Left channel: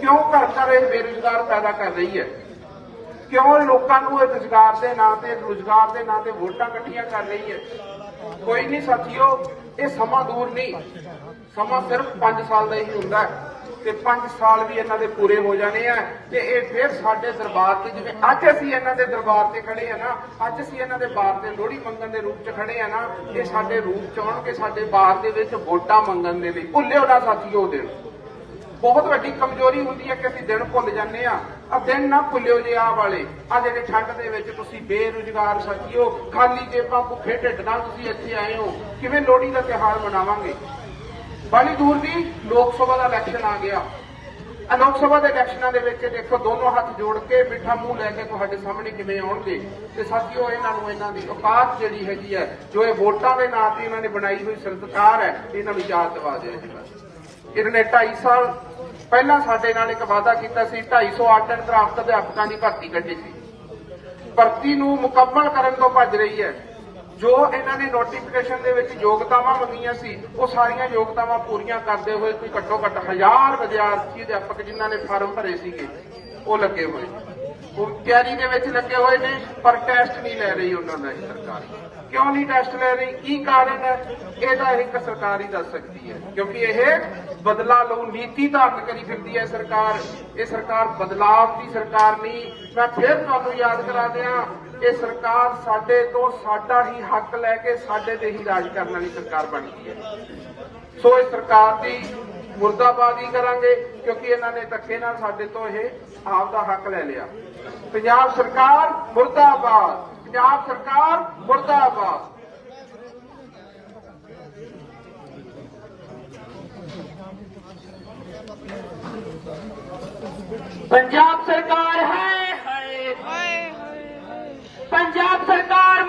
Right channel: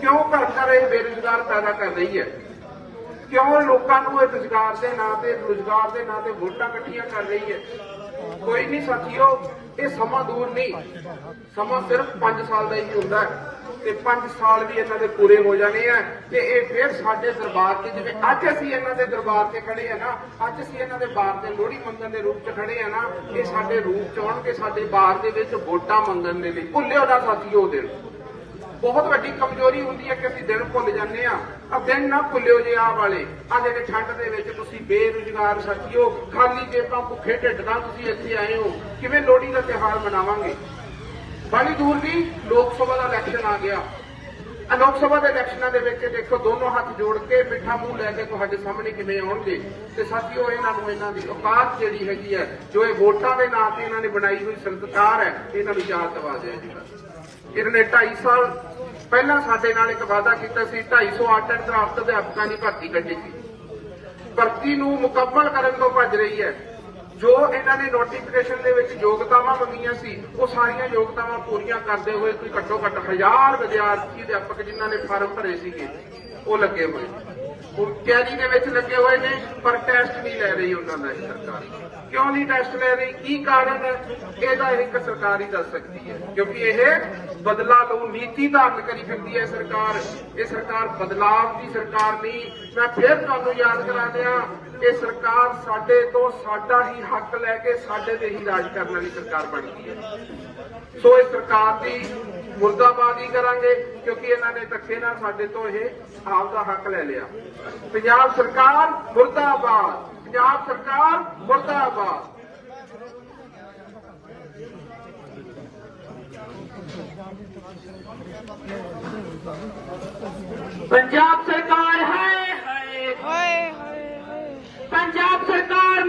ਕਿਉਂ ਘਰ ਘਰ ਇਹ ਬੇਰੁਜ਼ਗਾਰ ਪੈਦਾ ਕਰ ਰਹੀ ਹੈ? ਕਿਉਂ ਲੋਕਾਂ ਨੂੰ ਇਹ ਰੁਜ਼ਗਾਰ ਦੇ ਨਾਂ ਤੇ, ਰੁਜ਼ਗਾਰ ਦੇ ਨਾਂ ਤੇ ਵੋਟਾਂ ਕੱਟੀਆਂ ਕਰ ਰਹੀ ਹੈ? ਕੋਈ ਨਹੀਂ ਸਾਥੀਓ, ਇਹ ਸਮਾਂ ਦੂਰ ਨਹੀਂ। ਸਮਾਂ ਸਿਰਫ 5 ਸਾਲ ਦਾ ਹੀ ਹੁੰਦਾ ਹੈ ਤੇ 5 ਸਾਲ ਵੀ ਇਹਨਾਂ ਦੇ ਪੂਰੇ ਹੋ ਜਾਣੇ ਆ ਤੇ ਇਹ ਫਿਰ ਸਾਡੇ ਦਰਬਾਰ ਤੇ ਜਿਵੇਂ ਅੱਜ ਅਸੀਂ ਇਹਨਾਂ ਦੇ ਦਰਬਾਰ ਤੇ ਖੜੇ ਆ ਨਾ, ਅੱਜ ਅਸੀਂ ਇਹਨਾਂ ਦੇ ਬਾਰ ਤੇ ਲੋਹੜੀ ਮੰਗਣ ਦੇ ਰੂਪ 'ਚ ਖੜੇ ਆ ਨਾ, ਇਹ ਸਾਡੇ ਰੂਪ 'ਚ ਆਉਣਗੇ, ਸਾਡੇ ਬਾਰ ਦੇ ਵਿੱਚ ਵੋਟਾਂ ਮੰਗਣ ਦੇ ਲਈ ਭੁੱਲਿਓ ਨਾ ਸਾਥੀਓ ਉਹ ਦਿਨ। ਬਹੁਤ ਵੱਡੀ ਕਮਜ਼ੋਰੀ ਹੁੰਦੀ ਹੈ ਕਿ ਅਸੀਂ ਦਿਨ ਭੁੱਲ ਜਾਂਦੇ ਆ ਆ ਦਿਨ ਨਾ ਭੁੱਲਿਓ ਜੇ ਆਹ ਵਾਲੇ। ਆ ਜਿਹੜੇ ਠੰਡ ਦੇ ਵਿੱਚ ਤੁਸੀਂ ਬੇਰੁਜ਼ਗਾਰ ਸਾਥੀਓ ਖਾਲੀ ਜੇਬਾਂ ਭੁੱਖੇ ਢਿੱਡ ਨਾਲ ਤੁਸੀਂ ਇੱਥੇ ਆਏ ਹੋ। ਕਿਵੇਂ ਲੋਹੜੀ ਦਾ ਤਿਉਹਾਰ ਮਨਾਵਾਂਗੇ? ਬੜੀ ਦੂਰ ਨਹੀਂ, ਲੋਕ ਸਭਾ ਦਾ ਇਲੈਕਸ਼ਨ ਆ ਗਿਆ। ਆ ਲੋਕ ਸਭਾ ਦੇ ਇਲੈਕਸ਼ਨਾਂ ਦੇ ਵਿੱਚ ਦੇਖੋ ਦੋਨੋਂ ਹੱਥ ਜੋੜ ਕੇ ਮਿੱਠਾ ਮੂੰਹ ਲੈ ਕੇ ਤੁਹਾਡੇ ਸਾਹਮਣੇ ਕਿਵੇਂ ਆਉਣਗੇ? ਤੇ ਸਾਥੀਓ, ਇਹਨਾਂ ਨੂੰ ਇਹਨਾਂ ਦੀ ਔਕਾਤ ਜਿਹੜੀ ਹੈਗੀ ਹੈ, ਜੋ ਇਹ ਵੋਟਾਂ ਦੇ ਨਾਂ ਤੇ ਇਹਨਾਂ ਨੇ ਬਣਾਈ ਹੋਈ ਸੰਸਕਾਰ ਹੈ, ਇਹਨਾਂ ਨੂੰ ਯਾਦ ਦਿਵਾ ਜਾਏਗਾ ਇਹਨਾਂ ਨੇ 2.5 ਸਾਲ ਪਹਿਲਾਂ ਸਾਡੇ ਨਾਲ ਇੱਕ ਵਾਅਦਾ ਕੀਤਾ ਸੀ 250 ਆਰਟ ਕਰਾਫਟ ਅਧਿਆਪਕਾਂ ਦੀ ਭਰਤੀ ਕੱਢੀ ਸੀ। ਭਰਤੀ ਨੂੰ ਮੁਕੰਮਲ ਕਰਨ ਤੋਂ ਭੱਜ ਰਹੀ ਹੈ। ਜੋ ਇਹਨਾਂ ਨੇ ਨੋਟੀਫਿਕੇਸ਼ਨ ਦੇ ਵਿੱਚ ਯੋਗਤਾਵਾਂ ਮੰਗੀਆਂ ਸੀ, ਉਹ ਸਾਰੀਆਂ ਯੋਗਤਾਵਾਂ ਪੂਰੀਆਂ ਕਰਦੇ ਹੋਏ ਕੋਈ ਘੱਟੋ ਘੱਟ ਹਜ਼ਾਰ ਵਿਦਿਆਰਥੀ, ਅਧਿਆਪਕ ਜਿਨ੍ਹਾਂ ਨੇ ਫਾਰਮ ਭਰੇ ਸੀਗੇ, ਉਹ ਲੱਗੇ ਹੋਏ ਉਹ ਤਿਆਰੀ ਦੇ ਵਿੱਚ ਲੱਗੇ ਹੋਏ ਨੇ, ਪਰ ਟੈਸਟ ਨਹੀਂ ਲੈ ਰਹੀ ਉਹਨਾਂ ਦਾ ਸਰਕਾਰ ਕਿਉਂ ਨਹੀਂ ਟੈਸਟ ਲੈ ਰਹੀ? ਕੀ ਕਾਰਨ ਹੈ? ਇਹਦਾ ਇੱਕ ਸਰਕਾਰ ਹੀ ਦੱਸ ਸਕਦੀ ਹੈ, ਕਿਉਂਕਿ ਇਹ ਬਦਲਾ ਲਉ ਨੀਤੀ ਧਾਰਨ ਕਰੀ ਫਿਰਦੀ ਹੈ ਸਰਕਾਰ। ਇਹ ਸਰਕਾਰ ਬਦਲਾਵ ਦੀ ਸਰਕਾਰ ਨਹੀਂ। ਮੈਂ ਫਿਰ ਤੁਹਾਨੂੰ ਯਾਦ ਕਰਾ ਦਿਆਂ ਇਹ ਸਰਕਾਰ ਸਾਡੇ ਤੋਂ ਸਾਡਾ ਹੀ ਹੱਕ ਲੈ ਕੇ ਸਾਡੇ ਤੇ ਹੀ ਰਾਜ ਕਰਨ ਵਾਲੀ ਸਰਕਾਰ ਬਣੀ ਹੈ। ਸੋ ਇਹ ਸਰਕਾਰ ਦੀ ਮੁਰਦਾਬਾਦੀ ਕਰਾਂਗੇ ਕਿਉਂਕਿ ਇਹਨਾਂ ਨੇ ਧੱਕੇ ਨਾਲ ਸਾਡੇ ਤੋਂ ਇਹ ਆਪ ਦਾ ਹੱਕ ਲੈ ਲਿਆ। ਪੰਜਾਬ ਸਰਕਾਰ ਮੁਰਦਾਬਾਦ, ਪੰਜਾਬ ਸਰਕਾਰ ਮੁਰਦਾਬਾਦ। ਪੰਜਾਬ ਸਰਕਾਰ ਹੈ